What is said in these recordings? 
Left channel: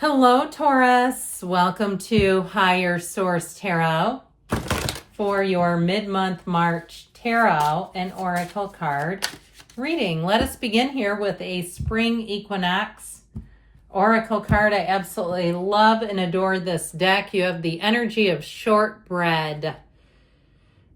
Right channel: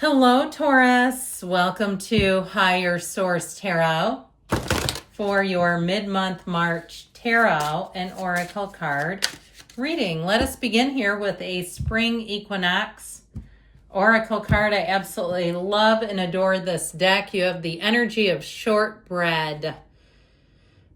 Hello, Taurus. Welcome to Higher Source Tarot for your mid-month March tarot and oracle card reading. Let us begin here with a spring equinox oracle card. I absolutely love and adore this deck. You have the energy of shortbread.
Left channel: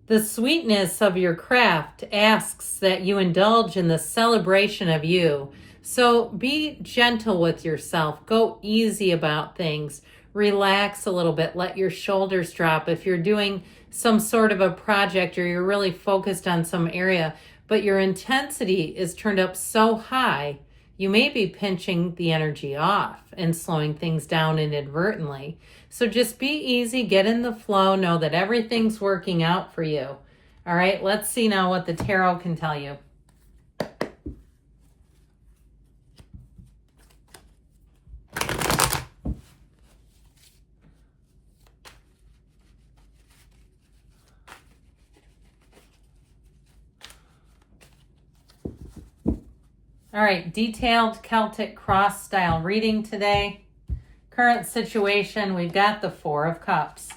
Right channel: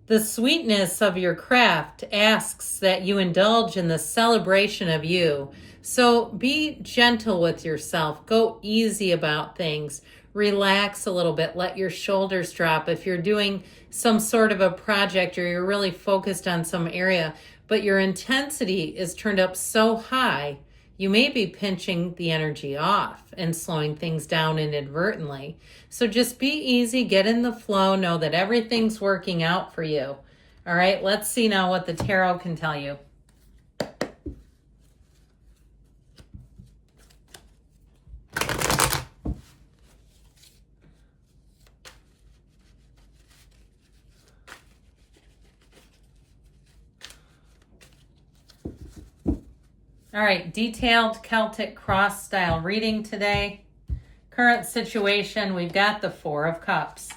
The sweetness of your craft asks that you indulge in the celebration of you. So be gentle with yourself. Go easy about things. Relax a little bit. Let your shoulders drop. If you're doing some sort of a project or you're really focused on some area, but your intensity is turned up so high, you may be pinching the energy off and slowing things down inadvertently. So just be easy, get in the flow, know that everything's working out for you. All right, let's see now what the tarot can tell you. All right, detailed Celtic cross style reading today. Current situation, we've got the Four of Cups.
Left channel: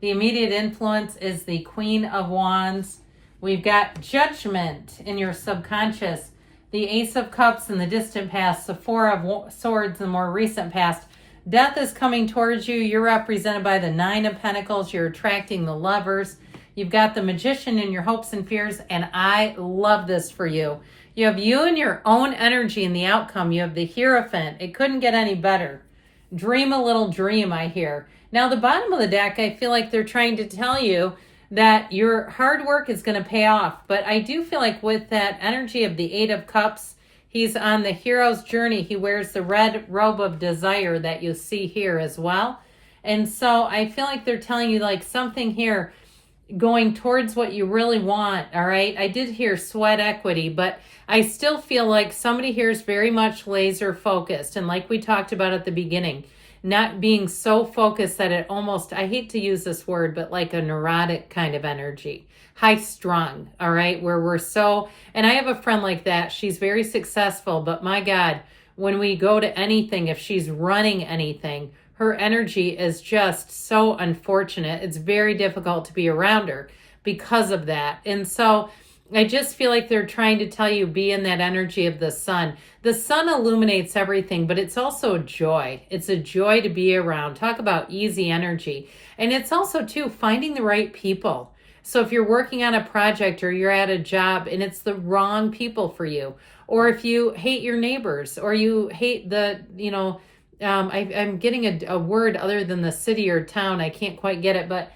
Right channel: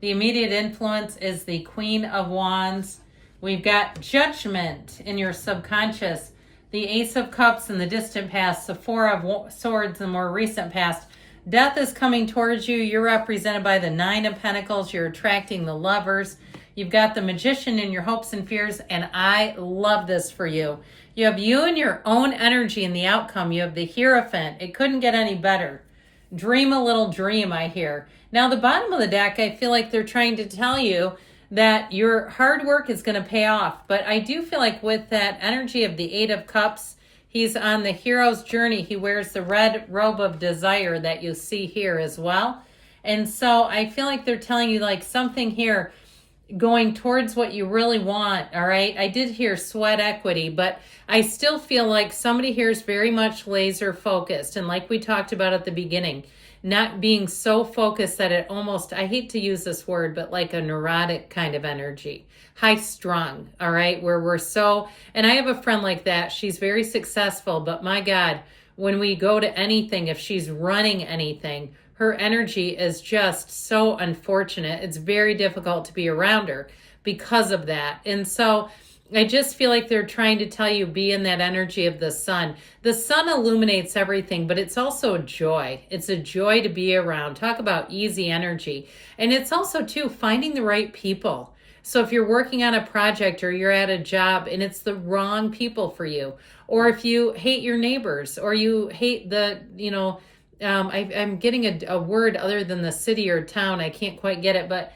The immediate influence is the Queen of Wands. We've got Judgment in your subconscious, the Ace of Cups in the distant past, the Four of Swords in the more recent past. Death is coming towards you. You're represented by the Nine of Pentacles. You're attracting the Lovers. You've got the Magician in your hopes and fears, and I love this for you. You have you and your own energy in the outcome. You have the Hierophant. It couldn't get any better. Dream a little dream, I hear. Now, the bottom of the deck, I feel like they're trying to tell you that your hard work is going to pay off. But I do feel like with that energy of the Eight of Cups, he's on the hero's journey. He wears the red robe of desire that you see here as well. And so I feel like they're telling you like something here going towards what you really want, all right? I did hear sweat equity, but I still feel like somebody here is very much laser focused. And like we talked about at the beginning, not being so focused that it almost, I hate to use this word, but like a neurotic kind of energy, high strung, all right? Where we're so, and I have a friend like that. She's very successful, but my God, when we go to anything, if she's running anything, her energy is just so unfortunate. It's very difficult to be around her because of that. And so I just feel like they're trying to tell you, be in that energy of the sun. The sun illuminates everything, but it's also joy. It's a joy to be around. Talk about easy energy. And it's also, too, finding the right people. So if you're working on a project or you're at a job and it's the wrong people for you, or if you hate your neighbors or you hate the, I'm getting a word other than the city or town. I can't quite get it, but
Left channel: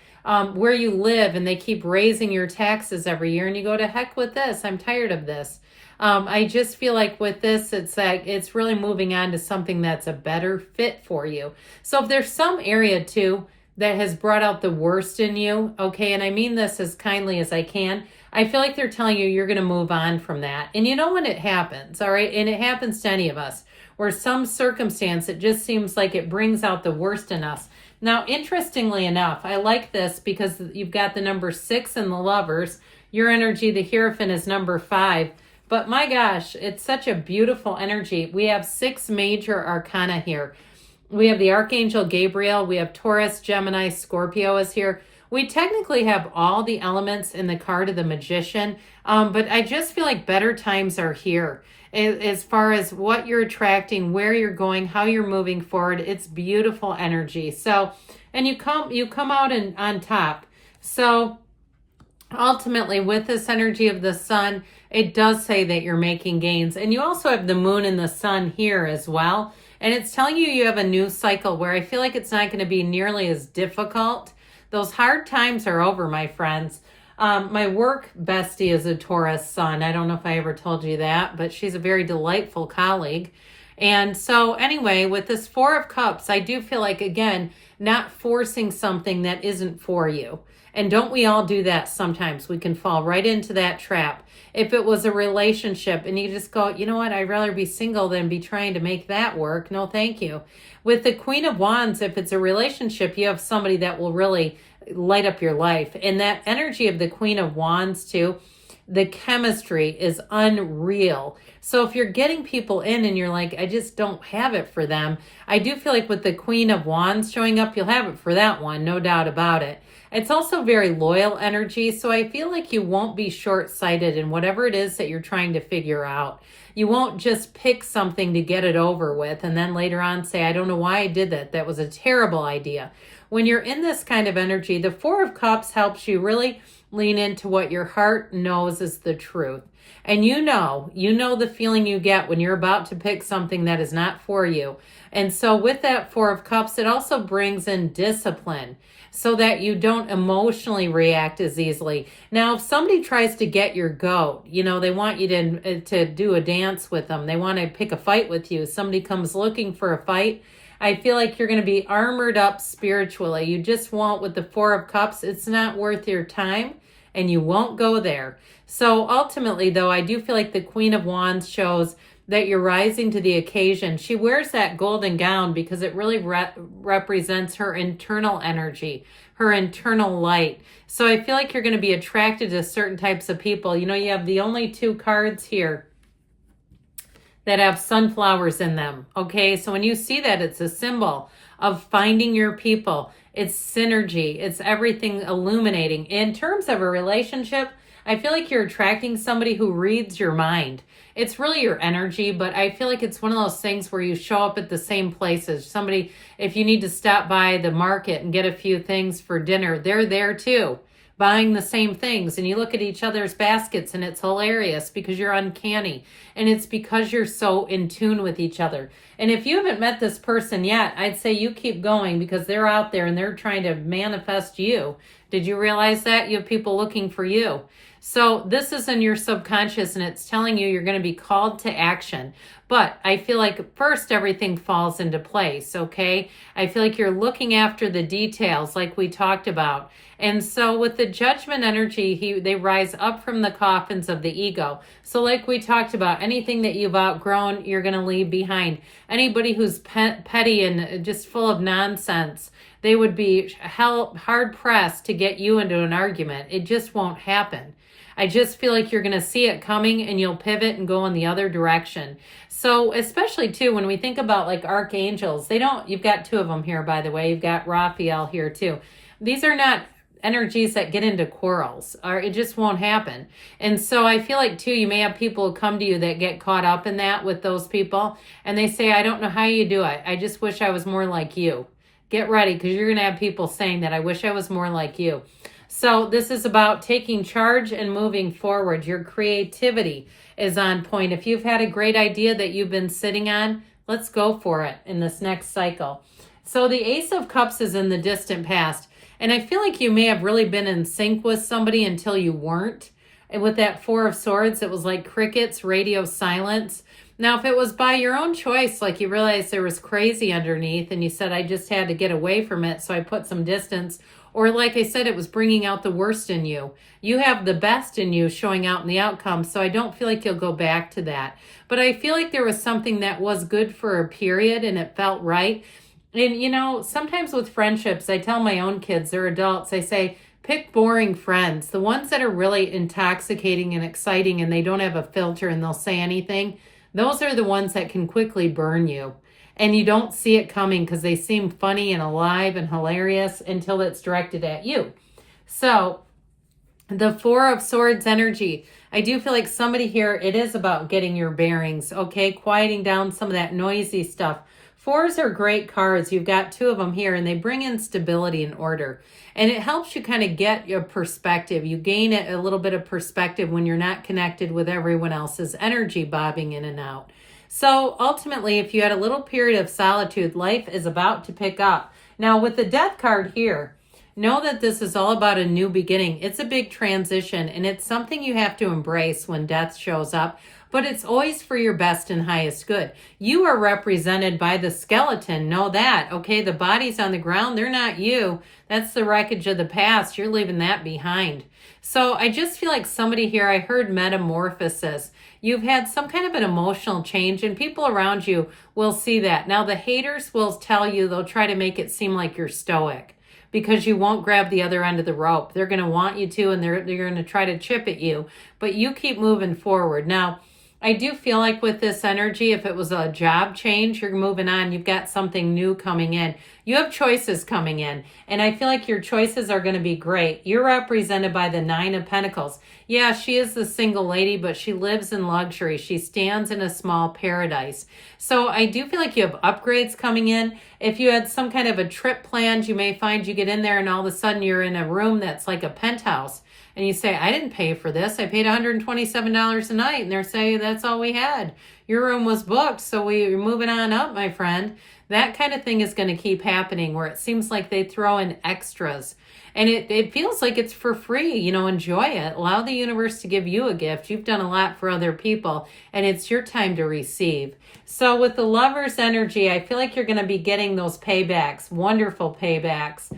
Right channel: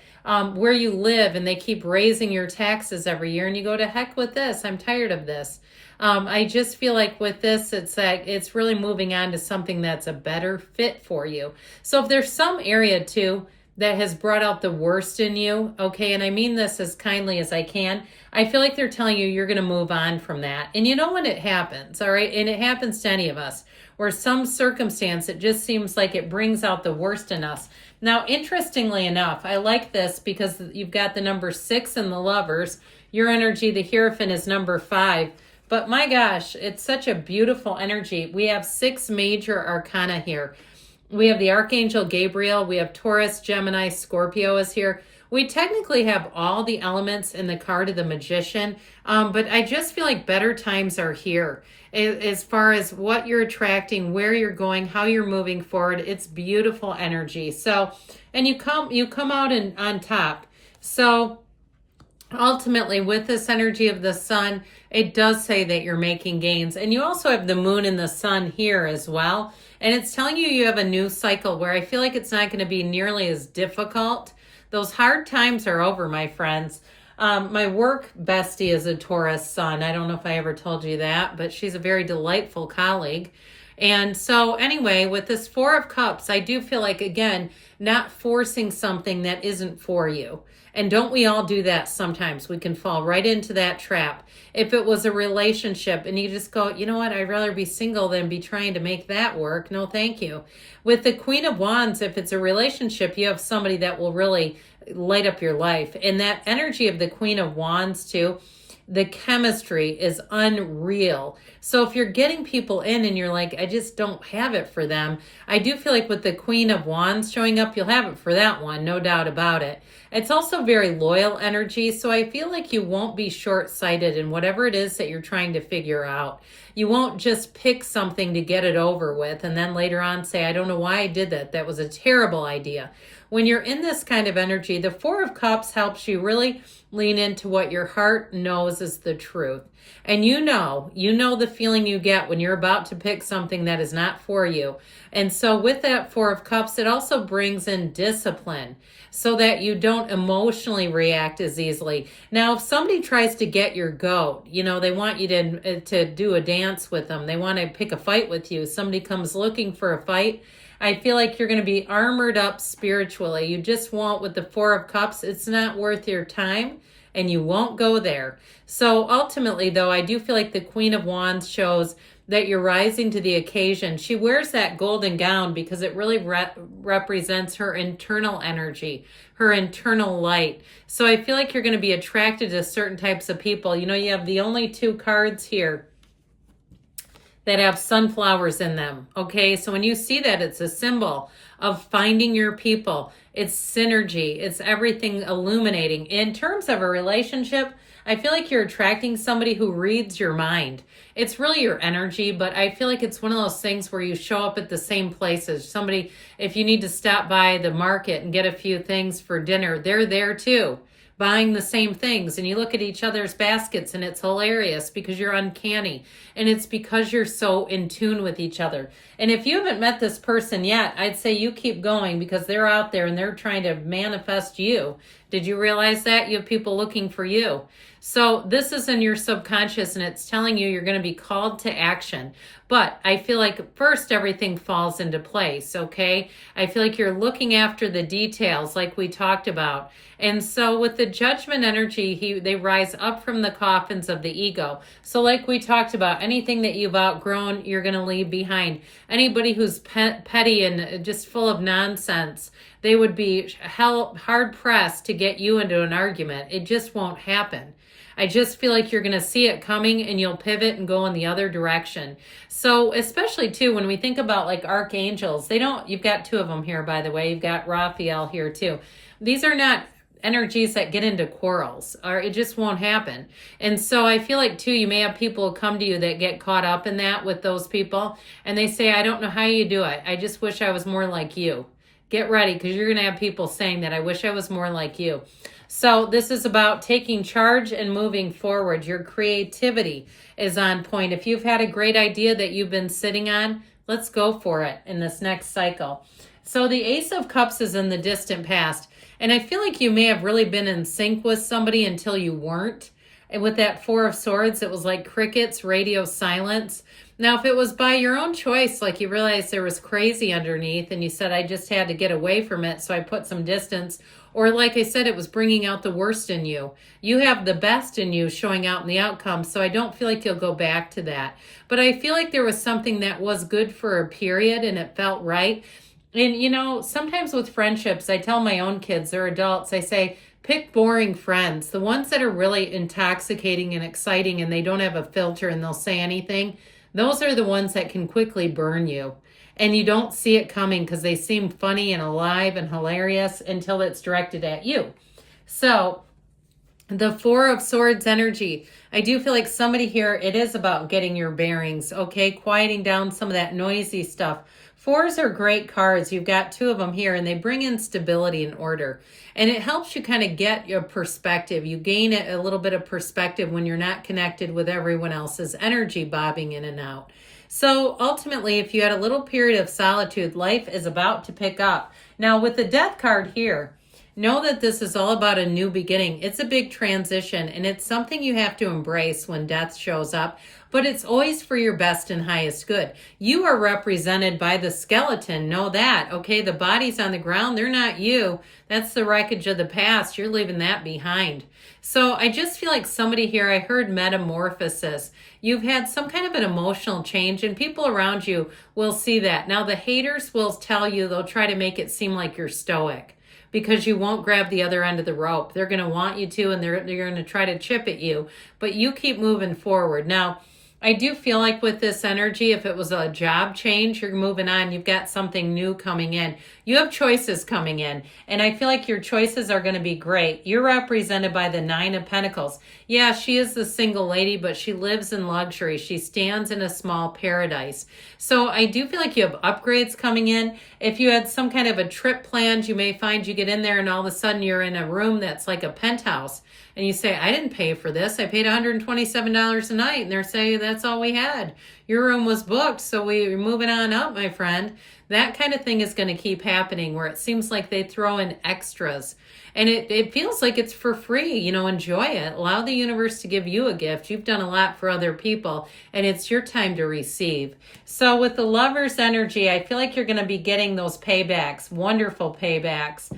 where you live and they keep raising your taxes every year and you go, to heck with this. I'm tired of this. I just feel like with this, it's like it's really moving on to something that's a better fit for you. So if there's some area too that has brought out the worst in you, okay, and I mean this as kindly as I can, I feel like they're telling you you're going to move on from that. And you know when it happens, all right? And it happens to any of us, where some circumstance, it just seems like it brings out the worst in us. Now, interestingly enough, I like this because you've got the number 6 in the Lovers. Your energy, the Hierophant, is number 5. But my gosh, it's such a beautiful energy. We have 6 major arcana here. We have the Archangel Gabriel. We have Taurus, Gemini, Scorpio is here. We technically have all the elements in the card of the Magician, but I just feel like better times are here. As far as what you're attracting, where you're going, how you're moving forward, it's beautiful energy. So, and you come out on top. So ultimately with this energy of the sun, it does say that you're making gains. And you also have the moon and the sun here as well. And it's telling you you have a new cycle where I feel like it's not going to be nearly as difficult. Those hard times are over, my friends. My work bestie is a Taurus sun. I don't know if I ever told you that, but she's a very delightful colleague. And so anyway, with this Four of Cups, I do feel like, again, not forcing something that isn't for you. And don't we all do that sometimes? We can fall right into that trap. If it was a relationship and you just go, you know what, I'd rather be single than be trying to make that work. No, thank you. With the Queen of Wands, if it's a relationship, you have somebody that will really light up your life. And that energy of the Queen of Wands too, The chemistry is unreal. So if you're getting people in and you're like, I just don't have it for them, I do feel like with the Queen of Wands showing up, you'll have it for that one, no doubt about it. It's also very loyal energy, so I feel like you won't be short-sighted in whatever it is that you're trying to figure out. You won't just pick something to get it over with and then later on say, I don't know why I did that. That was a terrible idea. When you're in this kind of energy, the Four of Cups helps you really lean into what your heart knows is the truth. And you know the feeling you get when you're about to pick something that is not for you. And so with that Four of Cups, it also brings in discipline so that you don't emotionally react as easily. Now, if somebody tries to get your goat, they want you to do a dance with them. They want to pick a fight with you. Somebody comes looking for a fight. I feel like you're going to be armored up spiritually. You just won't, with the Four of Cups, it's not worth your time and you won't go there. So ultimately, though, I do feel like the Queen of Wands shows that you're rising to the occasion. She wears that golden gown because it really represents her internal energy, her internal light. So I feel like you're going to be attracted to certain types of people. You have the only two cards here that have sunflowers in them. Okay, so when you see that, it's a symbol of finding your people. It's synergy. It's everything illuminating. In terms of a relationship, I feel like you're attracting somebody who reads your mind. It's really your energy, but I feel like it's one of those things where you show up at the same places. Somebody, if you need to stop by the market and get a few things for dinner, they're there too, buying the same things. And you look at each other's baskets and it's hilarious because you're uncanny. And it's because you're so in tune with each other. And if you haven't met this person yet, I'd say you keep going because they're out there and they're trying to manifest you. Did you realize that? You have people looking for you. So this is in your subconscious and it's telling you you're going to be called to action. But I feel like first everything falls into place, okay? I feel like you're looking after the details like we talked about. And so with the Judgment energy, they rise up from the coffins of the ego. So like we talked about, anything that you've outgrown, you're going to leave behind. Anybody who's petty and just full of nonsense, they would be hard-pressed to get you into an argument. It just won't happen. I just feel like you're going to see it coming and you'll pivot and go in the other direction. So especially too, when we think about like archangels, you've got two of them here, by the way. You've got Raphael here too. These are not energies that get into quarrels, or it just won't happen. And so I feel like too, you may have people come to you that get caught up in that with those people. And they say, I don't know how you do it. I just wish I was more like you. Get ready, because you're going to have people saying that. I wish I was more like you. So this is about taking charge and moving forward. Your creativity is on point. If you've had a great idea that you've been sitting on, let's go for it in this next cycle. So the Ace of Cups is in the distant past. And I feel like you may have really been in sync with somebody until you weren't. And with that Four of Swords, it was like crickets, radio silence. Now, if it was by your own choice, like you realized there was crazy underneath and you said, I just had to get away from it, so I put some distance. Or like I said, it was bringing out the worst in you. You have the best in you showing out in the outcome, so I don't feel like you'll go back to that. But I feel like there was something that was good for a period and it felt right. And, sometimes with friendships, I tell my own kids, they're adults, I say, pick boring friends. The ones that are really intoxicating and exciting and they don't have a filter and they'll say anything, those are the ones that can quickly burn you. And you don't see it coming because they seem funny and alive and hilarious until it's directed at you. So the Four of Swords energy, I do feel like somebody here, it is about getting your bearings, okay? Quieting down some of that noisy stuff. Fours are great cards. You've got two of them here and they bring in stability and order. And it helps you kind of get your perspective. You gain a little bit of perspective when you're not connected with everyone else's energy bobbing in and out. So ultimately, if you had a little period of solitude, life is about to pick up. Now with the Death card here, know that this is all about a new beginning. It's a big transition and it's something you have to embrace when death shows up. But it's always for your best and highest good. You are represented by the skeleton. Know that, okay? The body's on the ground. They're not you. That's the wreckage of the past. You're leaving that behind. So I just feel like somebody here, I heard metamorphosis. You've had some kind of an emotional change and people around you will see that. Now the haters will tell you, they'll try to make it seem like you're stoic because you won't grab the other end of the rope. They're going to want you to, and they're going to try to chip at you, but you keep moving forward. Now, I do feel like with this energy, if it was a job change, you're moving on, you've got something new coming in. You have choices coming in, and I feel like your choices are going to be great. You're represented by the Nine of Pentacles. Yeah, she is the single lady, but she lives in luxury. She stands in a small paradise. So I do feel like you have upgrades coming in. If you had some kind of a trip planned, you may find you get in there and all of a sudden you're in a room that's like a penthouse. And you say, I didn't pay for this. I paid $127 a night. And they're saying that's all we had. Your room was booked, so we're moving on up, my friend. That kind of thing is going to keep happening where it seems like they throw in extras. And it feels like it's for free. You know, enjoy it. Allow the universe to give you a gift. You've done a lot for other people, and it's your time to receive. So with the Lover's energy, I feel like you're going to be getting those paybacks, wonderful paybacks.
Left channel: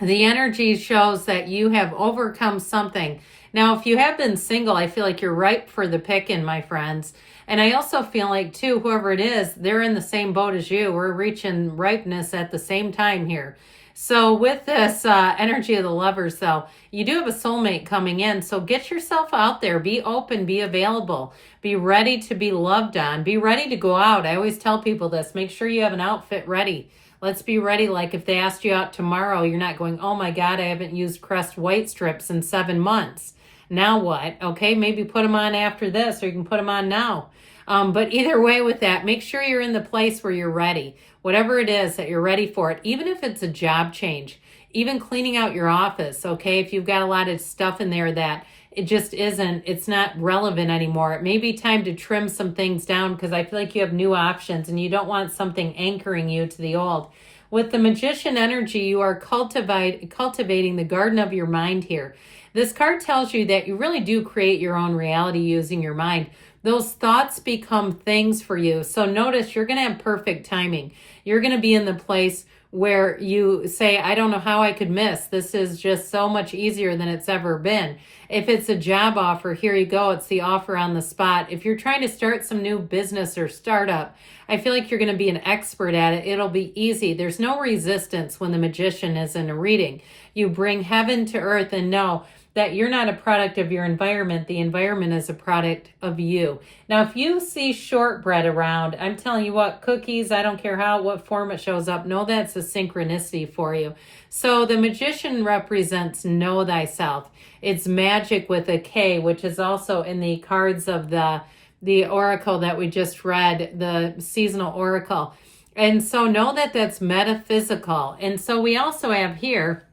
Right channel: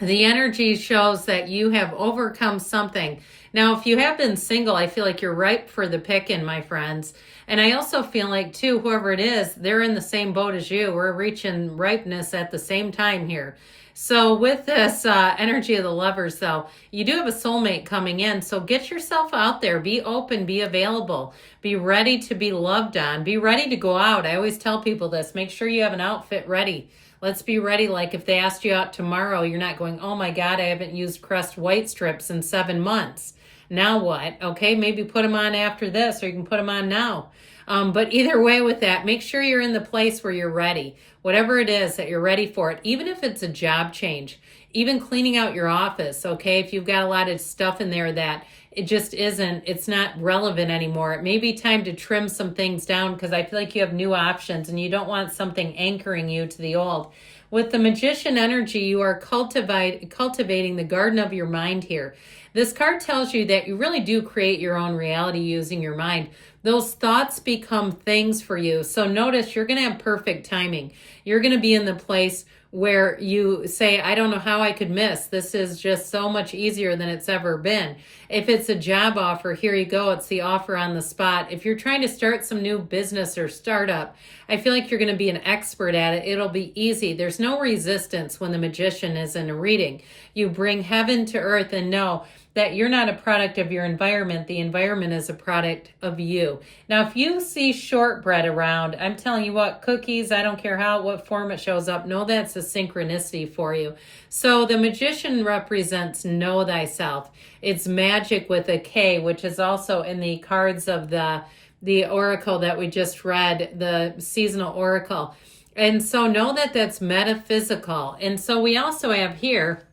The energy shows that you have overcome something. Now, if you have been single, I feel like you're ripe for the picking, my friends. And I also feel like, too, whoever it is, they're in the same boat as you. We're reaching ripeness at the same time here. So with this energy of the Lovers, though, you do have a soulmate coming in. So get yourself out there. Be open. Be available. Be ready to be loved on. Be ready to go out. I always tell people this. Make sure you have an outfit ready. Let's be ready. Like if they asked you out tomorrow, you're not going, oh my God, I haven't used Crest white strips in 7 months. Now what? Okay, maybe put them on after this, or you can put them on now. But either way with that, make sure you're in the place where you're ready. Whatever it is that you're ready for it, even if it's a job change, even cleaning out your office, okay? If you've got a lot of stuff in there that it just isn't, it's not relevant anymore. It may be time to trim some things down because I feel like you have new options and you don't want something anchoring you to the old. With the Magician energy, you are cultivating the garden of your mind here. This card tells you that you really do create your own reality using your mind. Those thoughts become things for you. So notice you're going to have perfect timing. You're going to be in the place where you say, I don't know how I could miss. This is just so much easier than it's ever been. If it's a job offer, here you go. It's the offer on the spot. If you're trying to start some new business or startup, I feel like you're going to be an expert at it. It'll be easy. There's no resistance when the Magician is in a reading. You bring heaven to earth and know that you're not a product of your environment. The environment is a product of you. Now, if you see shortbread around, I'm telling you what, cookies, I don't care what form it shows up, know that's a synchronicity for you. So the Magician represents know thyself. It's magic with a K, which is also in the cards of the oracle that we just read, the seasonal oracle. And so know that that's metaphysical. And so we also have here,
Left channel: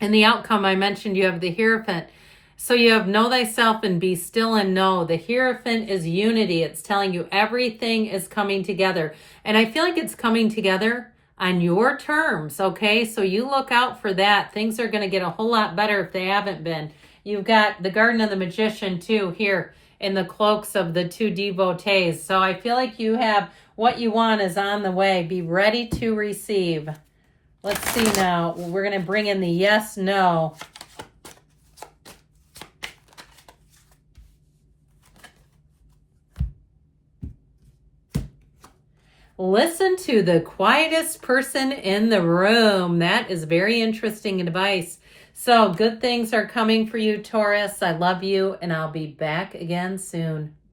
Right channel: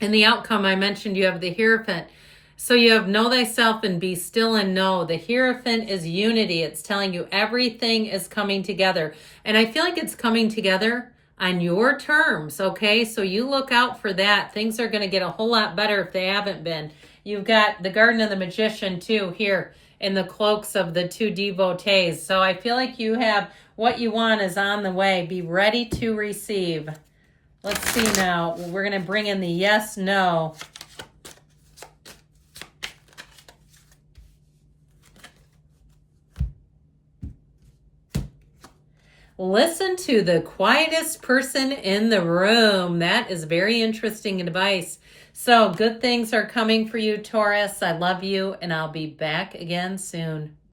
in the outcome, I mentioned you have the Hierophant. So you have know thyself and be still and know. The Hierophant is unity. It's telling you everything is coming together. And I feel like it's coming together on your terms, okay? So you look out for that. Things are going to get a whole lot better if they haven't been. You've got the Garden of the Magician, too, here in the cloaks of the two devotees. So I feel like you have what you want is on the way. Be ready to receive. Let's see now. We're going to bring in the yes, no. Listen to the quietest person in the room. That is very interesting advice. So good things are coming for you, Taurus. I love you, and I'll be back again soon.